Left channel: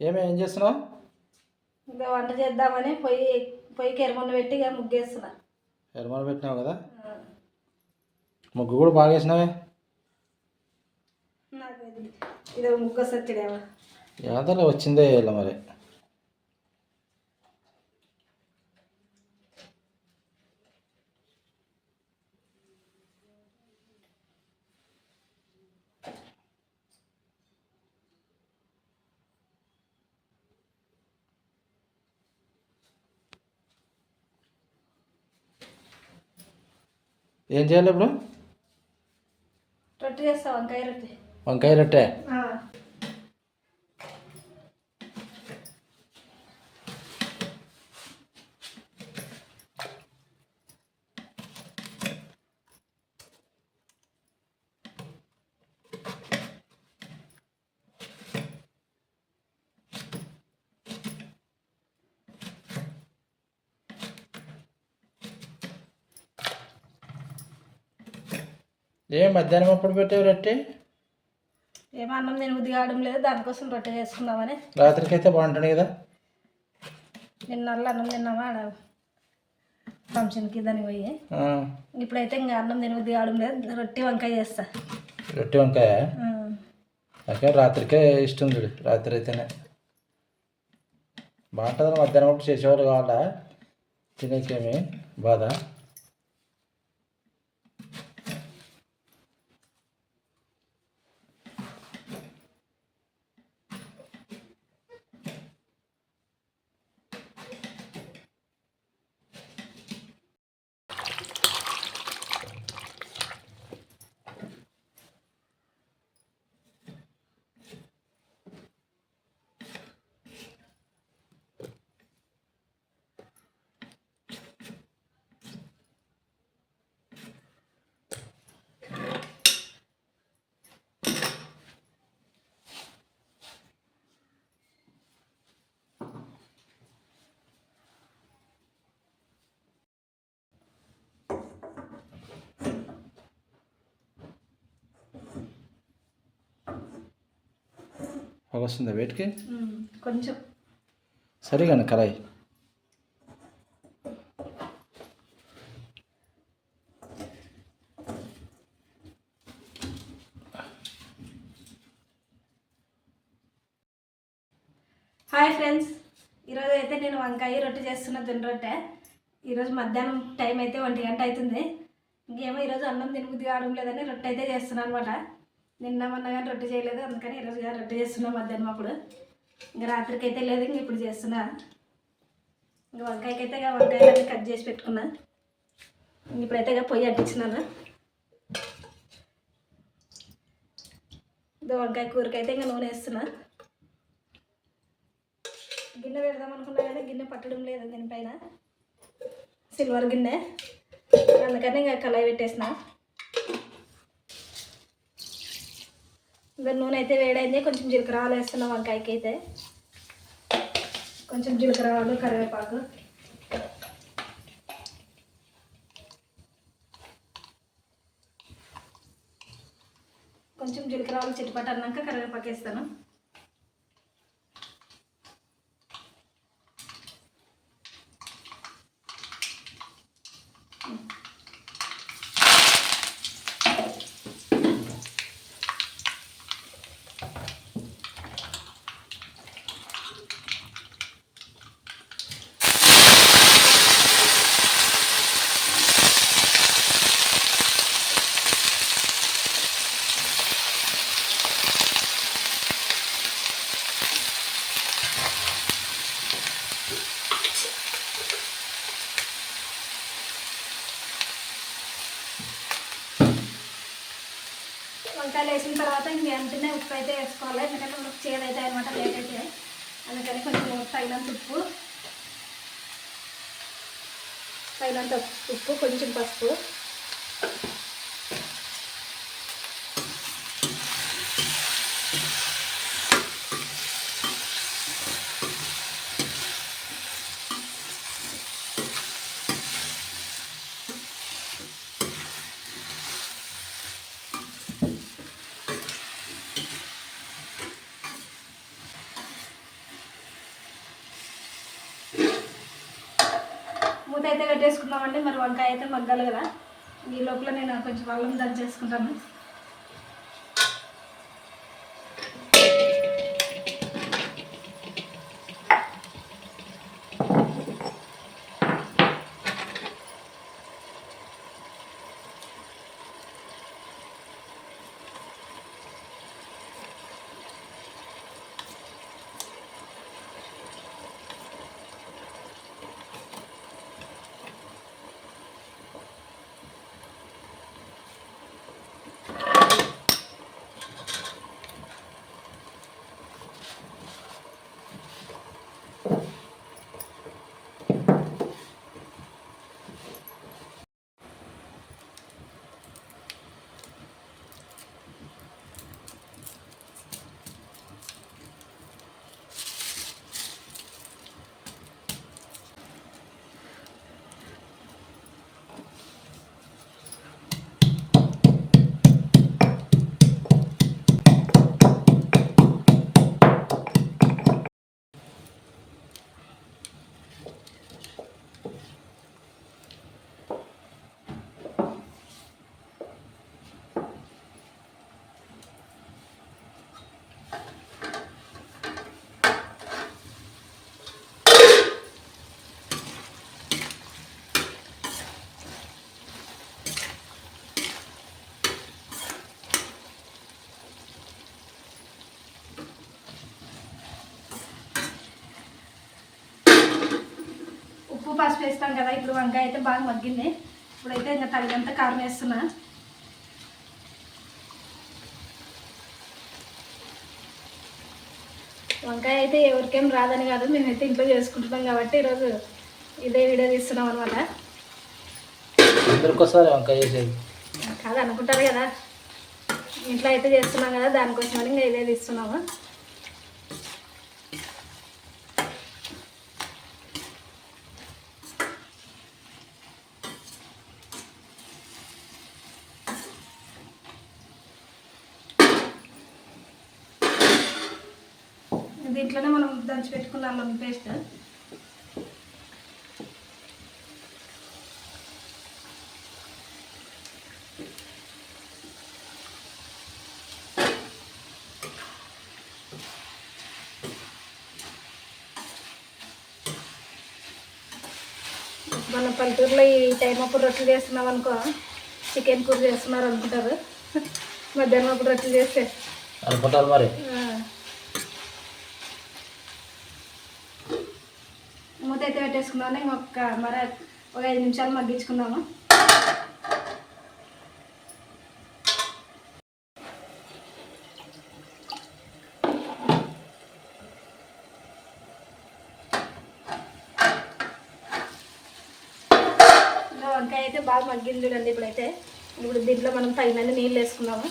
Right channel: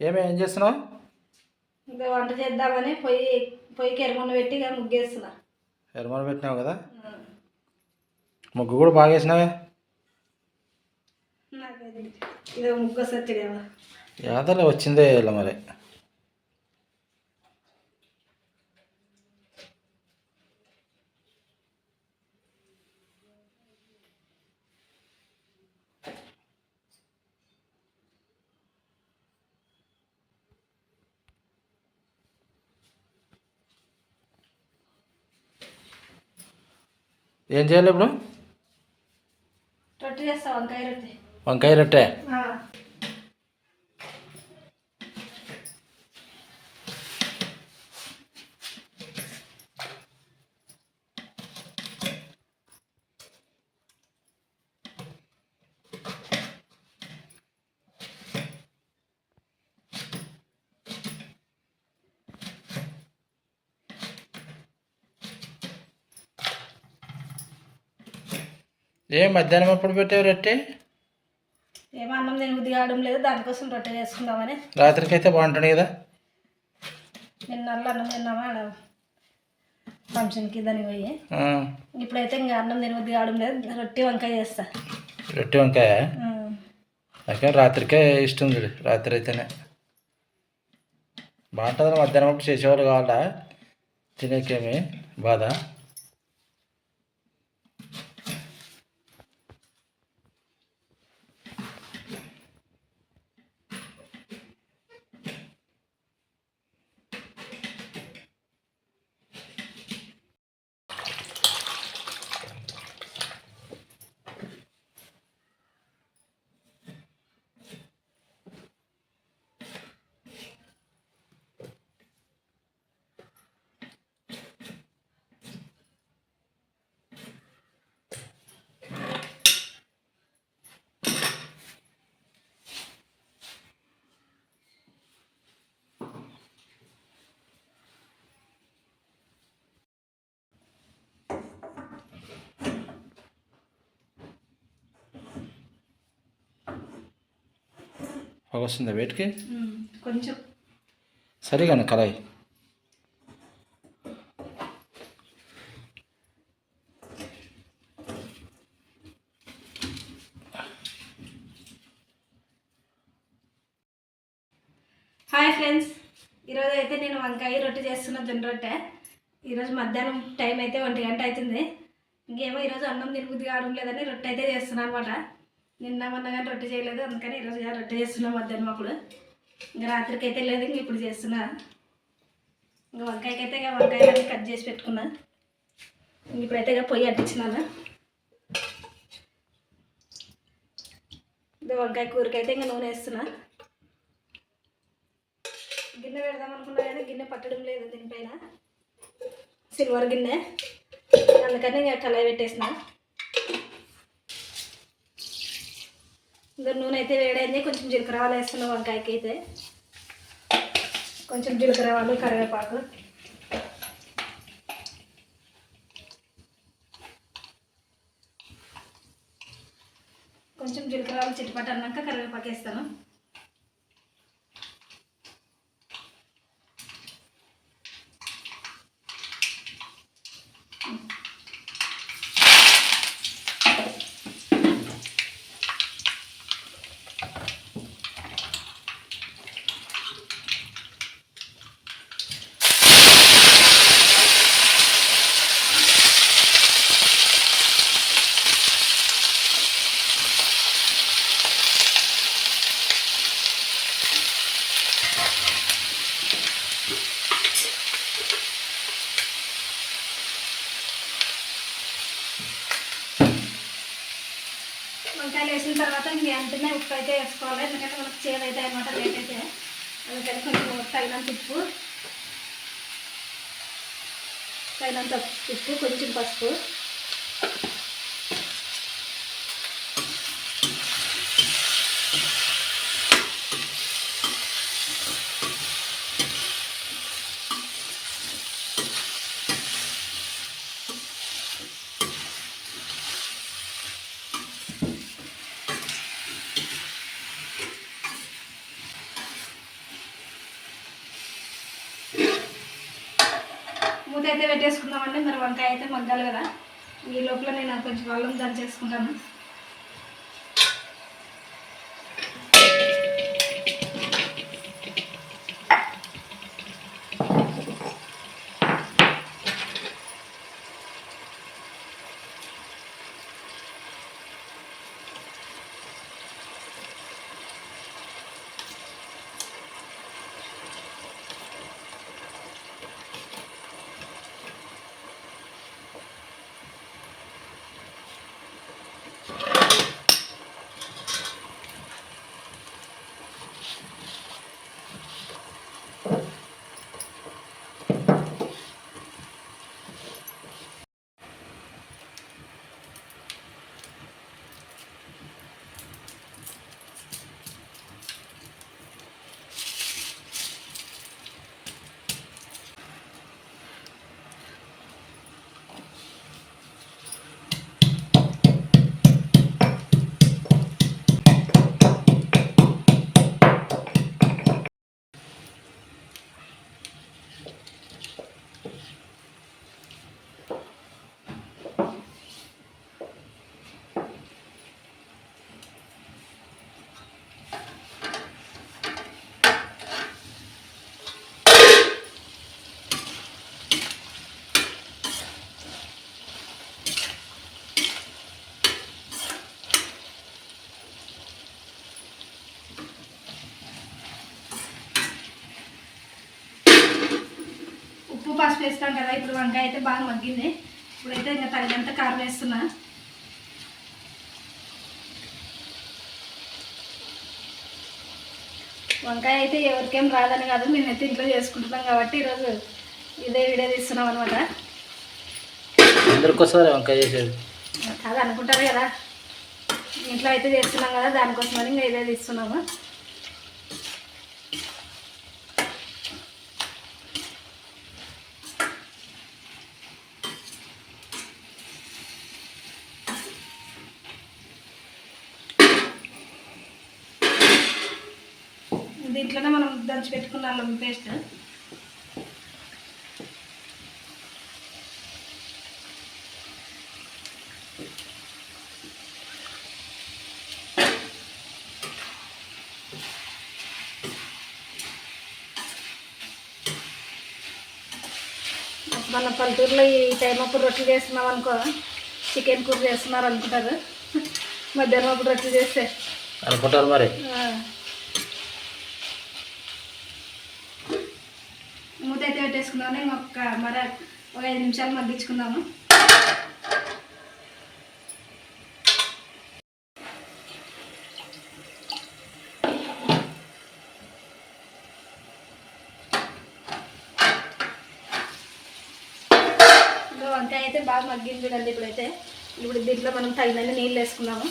ఏం చేస్తున్నావు? ఇంకా వంట చేద్దామని పొయ్యికి ఎరమొన్న పెట్టి ఇక ముగ్గేస్తున్నా. ఎరమొన్న పెట్టినావు కదా, ముగ్గు కూడా బాగా వేసినావే. నాకు ఇది ముగ్గు వస్తుంది కదా, యాదలో వచ్చిందే ఇలా మరి. ఏం చేయాలి ఇప్పుడు? రొట్టె చేస్తా, వంకాయ రొట్టె. వంకాయ రొట్టె. మధ్యాహ్నం ఎప్పుడు పెట్టావు రొట్టె? ఏమో అన్నం నేను బుద్ధి కావడం లేదు, దానికోసం రొట్టె చేసుకుందామని. రాత్రికి అయితే బాగుంటుంది కదా. నిన్న అన్నం తిన్నామా ఫంక్షన్కి దానికి పోయి. ఇప్పుడైతే ఇంకా అన్నం తిన బుద్ధి కావడం లేదు, రొట్టె వంకాయ చేస్తా. రొట్టె వంకాయ నాకే రాత్రికే ఇష్టం చూడు. రాత్రి అయితేనే బాగుంటుంది. మధ్యాహ్నం అప్పుడు చేసేవాళ్ళు కావాలా తినేకేమి బాధ. వస్తుందా వేటికి? కొంచెం సరిగానే కళాయి. హాయ్ ఫ్రెండ్స్, ఈరోజు అయితే నేను వంకాయ రొట్టె చేస్తున్న, జొన్న రొట్టె. ఈరోజు మధ్యాహ్నం టైం అయితే 1 గంట అవుతుంది. ఇంకేమో ఈరోజు అన్నం తినబుద్ధి కావడం లేదని రొట్టె అయితే చేస్తున్నాను అనమాట. నిన్న మొన్న కానీ రొట్టె చేయలేదు, అందుకని ఈరోజు రొట్టె చేస్తున్నా మధ్యాహ్నం అప్పుడు. ఇంకా రాత్రికి అయితే లేదు, ఇంక ఇప్పుడు చేస్తున్నా. ఇంకా వంకాయకి అయితే వంకాయలన్నీ కట్ చేసి పెట్టుకున్నా. ఇప్పుడైతే పొయ్యి అంటించినాను. ఇది వంకాయ కూరకైతే ఇంకా నూనె వేస్తున్నా. గిన్నె పెడదాం అనుకున్నా కానీ గిన్నె పట్టడం లేదు దీనిపైన, సిల్వర్ గిన్నె. అందుకని ఇంకా కళాయి పెట్టేసిన. ఇంకా నూనె అయితే వేడైంది, కొంచెం జీలకర్ర ఆవాలు వేస్తున్నా వంకాయకి అయితే. కొంచెం జీలకర్ర ఆవాలు, కరివేపాకు, కొంచెం జీలకర్ర ఆవాలు చిట్టుపట్టు అన్నాక కరివేపాకు వేస్తాను. వంకాయలు వేసిన తర్వాత ఇంక వెంటనే ఉప్పు అయితే వేసుకోవాలి, ఎందుకంటే మనకు చేదు అయితే అనమాట లేట్ అయితే. అందుకని కొంచెం తగినంత ఉప్పు, కొంచెం పసుపు, అయితే పెట్టేసుకుందామండి. మరి వంకాయ అయితే మగ్గాలి కదా. ఈ లోపల నేను కొంచెం అల్లం దంచేసుకుంటాను. ఉప్పు పసుపు వేస్తాం కదా. ఇప్పుడు వంకాయ అయితే బాగా మగ్గింది. ఇప్పుడైతే ఇంకా తగినంత కారం వేస్తున్నా. వంకాయ అయితే ఎవరికేం రాదని కాదు, మేమైతే ఇంట్లో చేసుకుంటున్నాం కాబట్టి ఈరోజు ఇదే వీడియో తీస్తున్నాం అనమాట. ఎందుకోసారి వంకాయ చేసేది కాదు అనుకుంటారు కదా, ఇంట్లో అయితే చేస్తున్నాం కదా, దానికోసమని ఇంకా ఇదే తీస్తున్నాము. దీంట్లోనే మనం దంచి పెట్టుకున్నాం పేస్ట్. మన పల్లెటూరులో ఈ టైం అప్పుడు రొట్టెలు చేస్తున్నాం అనుకో, చికెన్ కూర చేస్తున్నారు అనుకుంటారు. మధ్యాహ్నం అప్పుడు రొట్టెలు చేస్తే అనుకుంటారు మరి. మూత అయితే పెట్టేసుకుందామని ఒక 5 నిమిషాలు మగ్గించుకుందాము. ఇంకా వంకాయ అయితే బాగా మగ్గింది చూడండి. ఇప్పుడు దీంట్లో మనం తగినన్ని నీళ్ళు వేసుకున్నాము.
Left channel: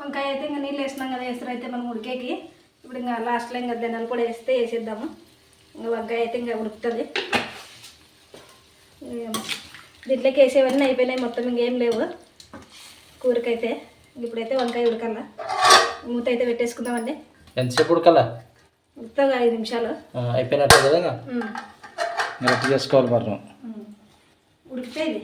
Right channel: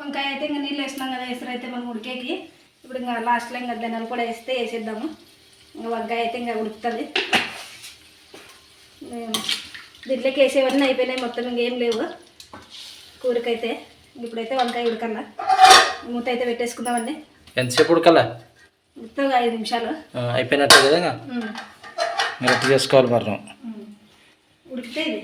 వంకాయ అయితే ఇంకా నీళ్ళు వేసినాం కదా, ఎసరు అయితే మనం ఉడికేకి. ఇప్పుడు ఇంకా లాస్ట్లో ఇంకా ధనియాలు కూడా వేసేద్దాము. ఇంకా వంకాయ అయితే ఇంకా ఉడుకుతుంది. దీంట్లోకి వేసేవన్నీ అయిపోయినాయి మొత్తం, ఇంకేం లేవు కూరకైతే. ఇప్పుడైతే వంకాయ ఉడకల్లా. మూత అయితే పెట్టేసుకుందామండి. ఎంతసేపు ఉడకల్లా? ఉడకగా 5 నిమిషాలు అయిపోయినట్టే కదా. రొట్టె చేసుకోవాలి మరి. ఉడికితే ఇది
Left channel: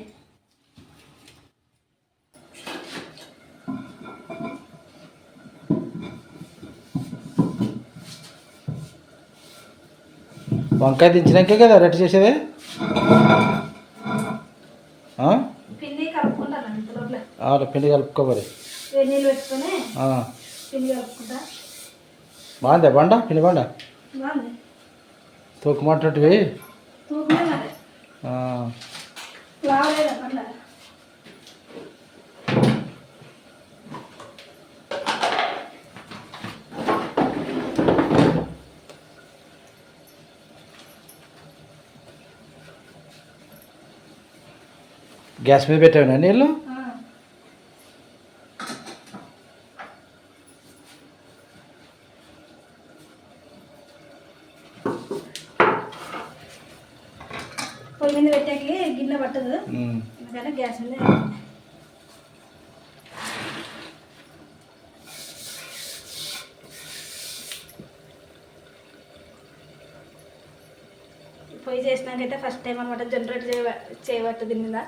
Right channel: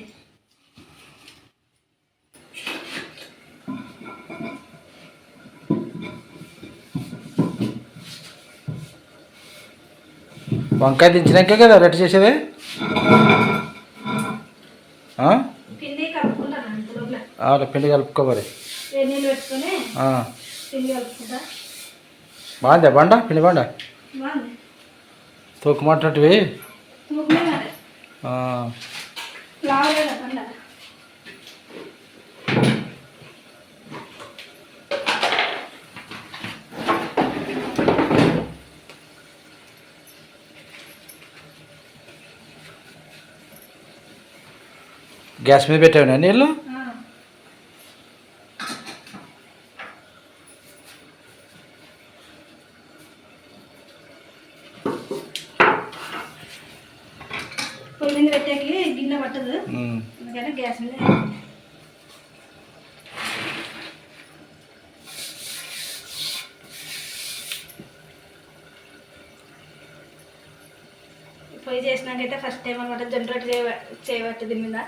వంకాయ దించినాకే కదా రొట్టె చేసేది. పిండి కలుపుకుంటాను. పిండి కలుపుకో మరి. నీళ్ళు పెట్టుకొని పిండి కలుపుకుంటా. బాగుందా బండ? పిండి బండ బాగుంది. తూకమంటువి లావలేదా బండ? గ్యాస్ మీద పెట్టావునా నీళ్ళు? అందుకని గ్యాస్ మీద పొయ్యి చేసినాకైతే ఫస్ట్ టైం అనమాట జొన్న రొట్టె చేయబట్టు దీని మీద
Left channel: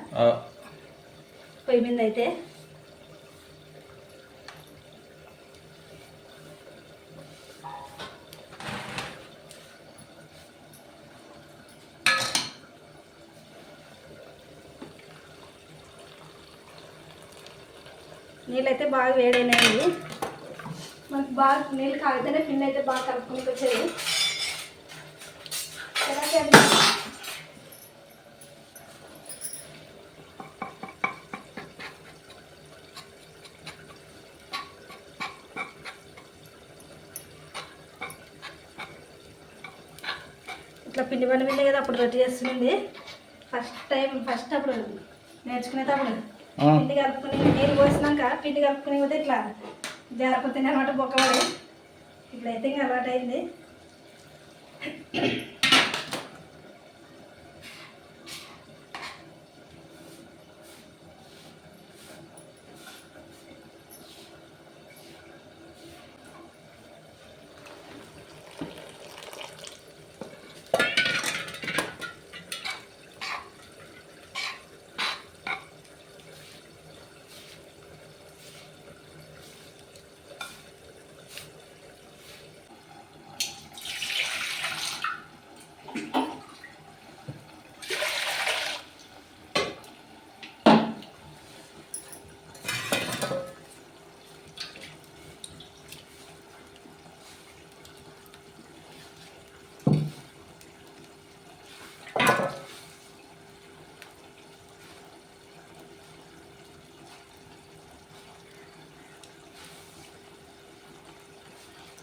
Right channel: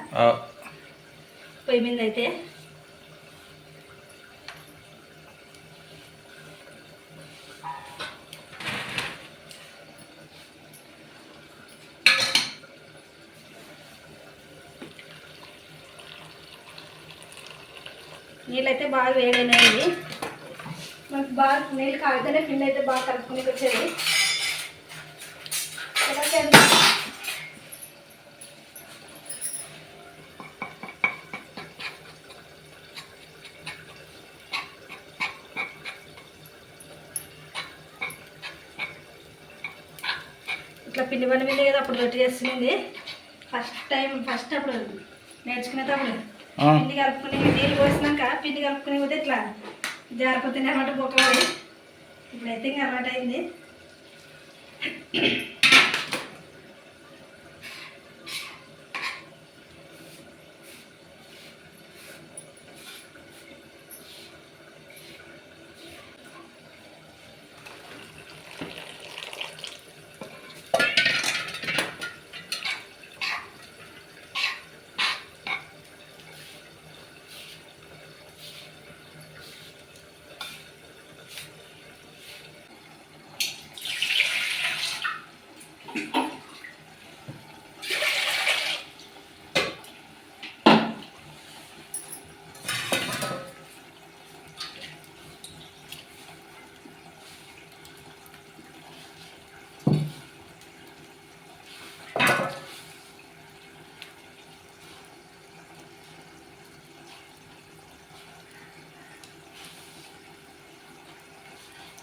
పొయ్యి మీద అయితే నీళ్ళు అయితే బాగా వేడైనాయి. మనకు బాగా నీళ్ళు కాగితేనే పిండి అయితే బాగా కలుపుకుని వచ్చేది. ఇట్లా పిండి బండి మీద కదా అప్పుడు రొట్టె చేస్తుంది. ఫస్ట్ అప్పుడు నేర్చుకునేటప్పుడు పిండి కలుపుకుని నీళ్ళు పోసినాక పిండి కలుపుకుని పోతే ఇట్లా జారిపోతుంది అన్నమాట బొక్కబడి. ఇప్పుడైతే ఇంకా అలవాటు అయింది.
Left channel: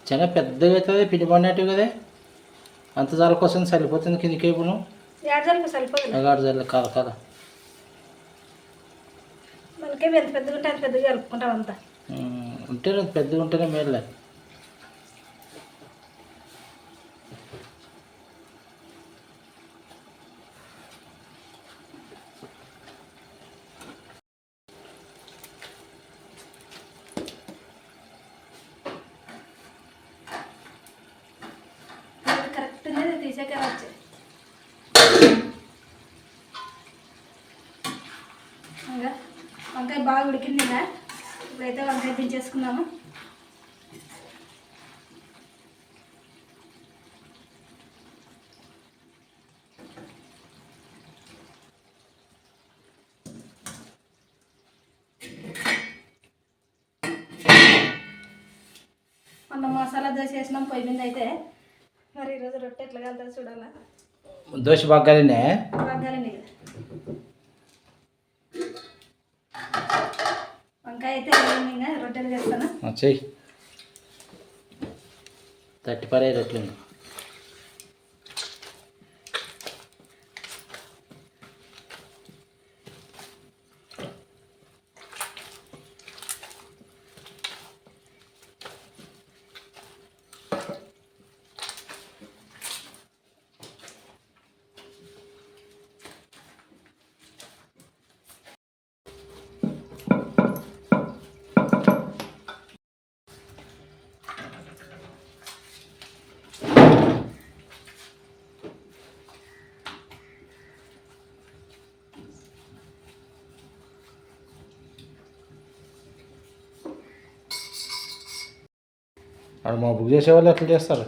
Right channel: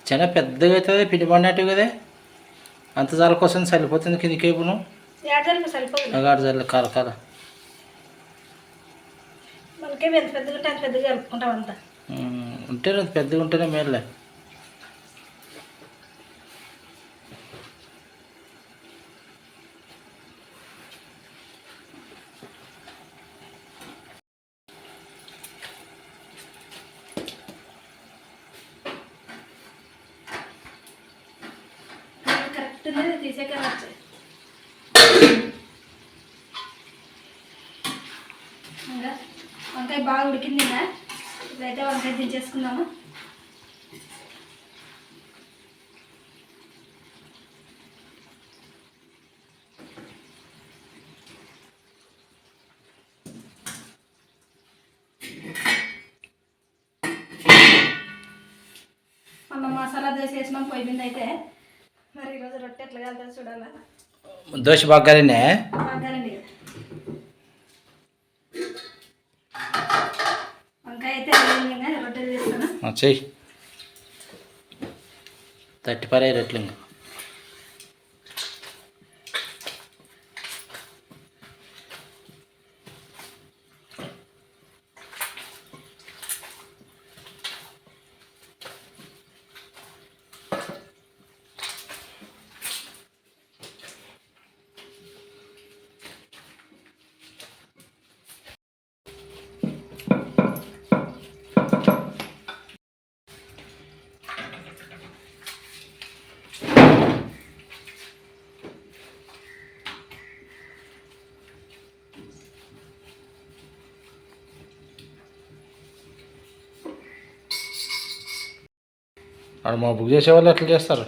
చాలా పెద్దగా అవుతుంది పిండి పడినట్టు కదా. అంత జాల కోసం సరిపోతుంది కిందికి ఇప్పుడు అగాడు జల్లు కాల కాల మనకే ఎంత పెద్దగా ఉంటే అంత పెద్దగా కలుపుకుంటాం అంతా. ఉంటే పెద్దగా ఉంటేనే మేలే. కరెక్ట్ తీసాక వచ్చాయి. ఇంకా వంకాయ బాగా ఉడికింది. ఇంకా ఇప్పుడైతే వంకాయ దించేసుకుందాము. మనం మసాలా దోశ వేసినాం పొయ్యి మీద అయితే. మరి ఈరోజు రొట్టె ఎట్లా కలుగుతుందో చూడాలా. దోశ బాగానే బాగానండి. వంకాయ అయితే రొట్టెలు చేస్తాను. చెయ్యి 30 రొట్టెలు ఇంకా. అక్కడ మా బుక్ చేసేవాళ్ళు ఎట్లా చేస్తారు?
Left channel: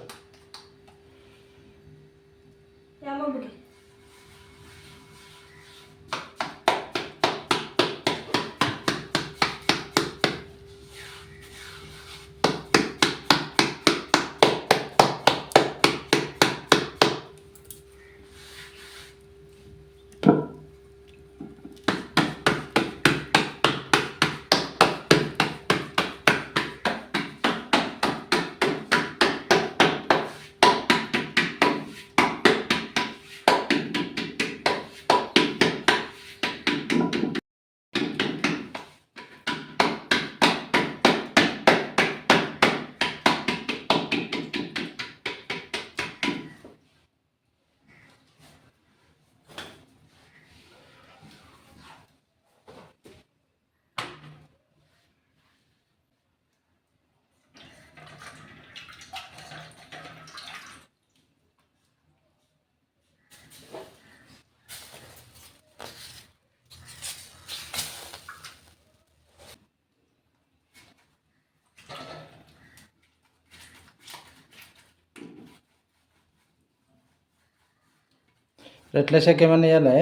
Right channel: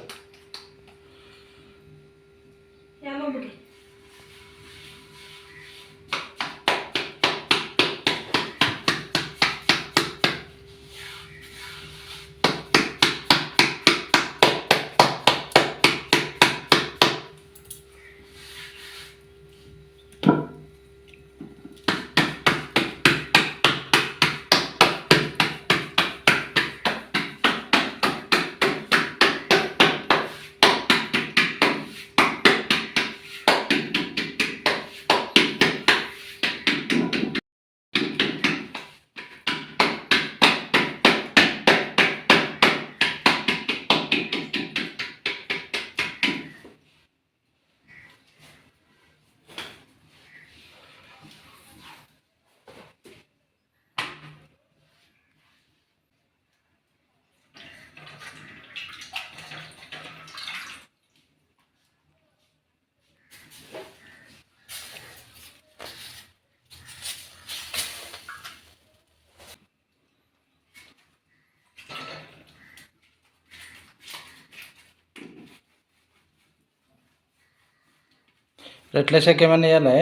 రెట్లేసాక ఏమన్నా వేయాలి?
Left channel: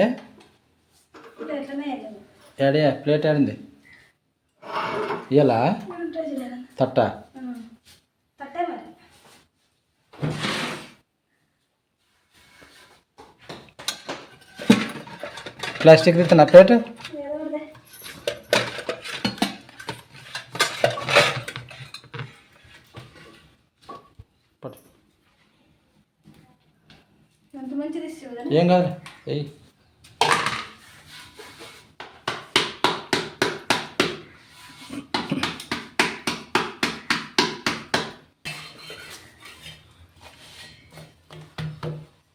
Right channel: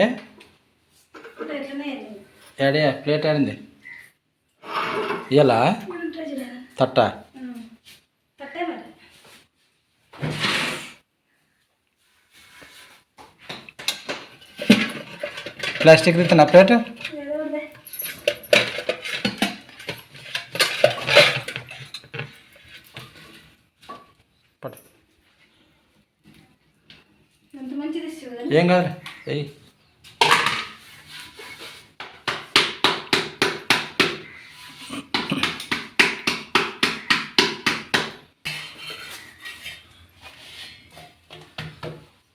ఎట్లనే ఏడే ప్లేట్ ఆడింది ఇయ్యాలా? తట్ట తట్టే మరి. ప్లాస్టిక్ తీస్తున్నా ప్లేట్. అంత మంచిది ఏం కాదు ఎయ్యి.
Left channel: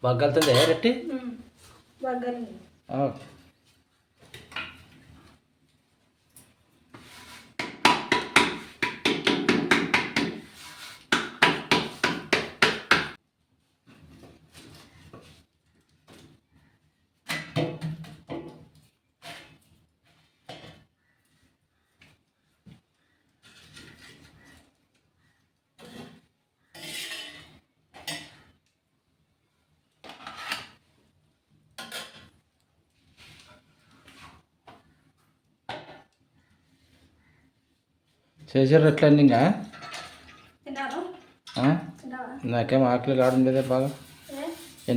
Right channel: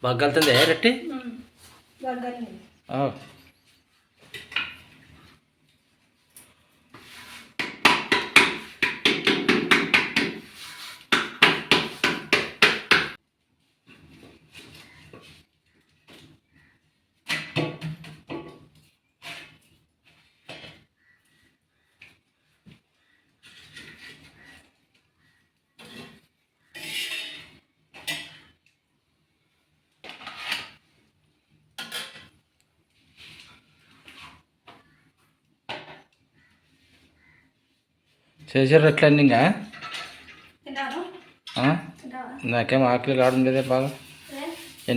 బాగా కలుతుంది రెట్టి. చేసారు ఎట్లండి ఇంకా? నాకేం ఆకలి కావడం లేదే బాగా.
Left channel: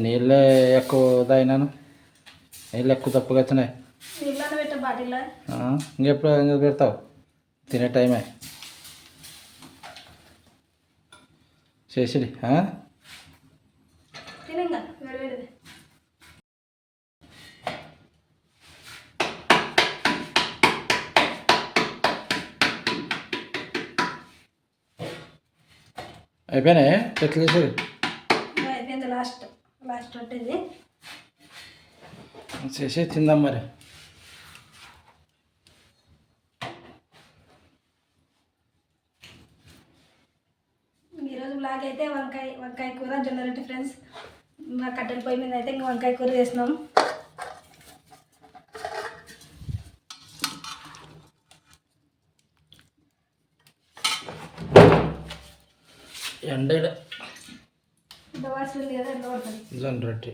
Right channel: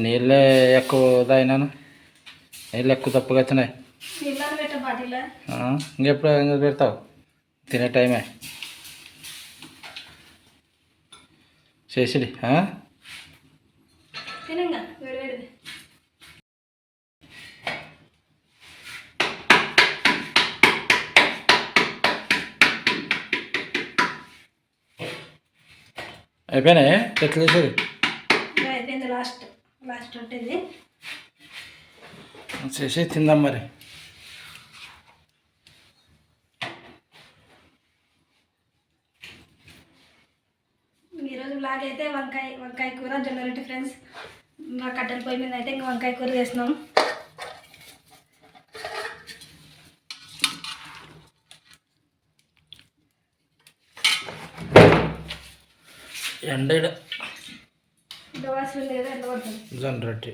నీళ్ళే ఎక్కువ తాగినాను, నీళ్ళు ఎక్కువ తప్పుగా వచ్చినాయి. ఇంకెప్పుడు ఇంకా పెడతావు? తినే టైమే చేసిడి. అయిపోయినాయి ఎట్లా చేసేది? అయిపోయింది. లాస్ట్ ఉంటుంది. చేసి తిందాం మరి. ఈరోజు బ్లాగ్ అయితే వంకాయ కూర జొన్న రొట్టె ఫ్రెండ్స్. మా కట్టెల పొయ్యి మీద అయితే ఇంకా వంకాయ కూర చేస్తున్నాం. ఎండ వాసన లేదా ఎండ పడుతుంది. జొన్న రొట్టె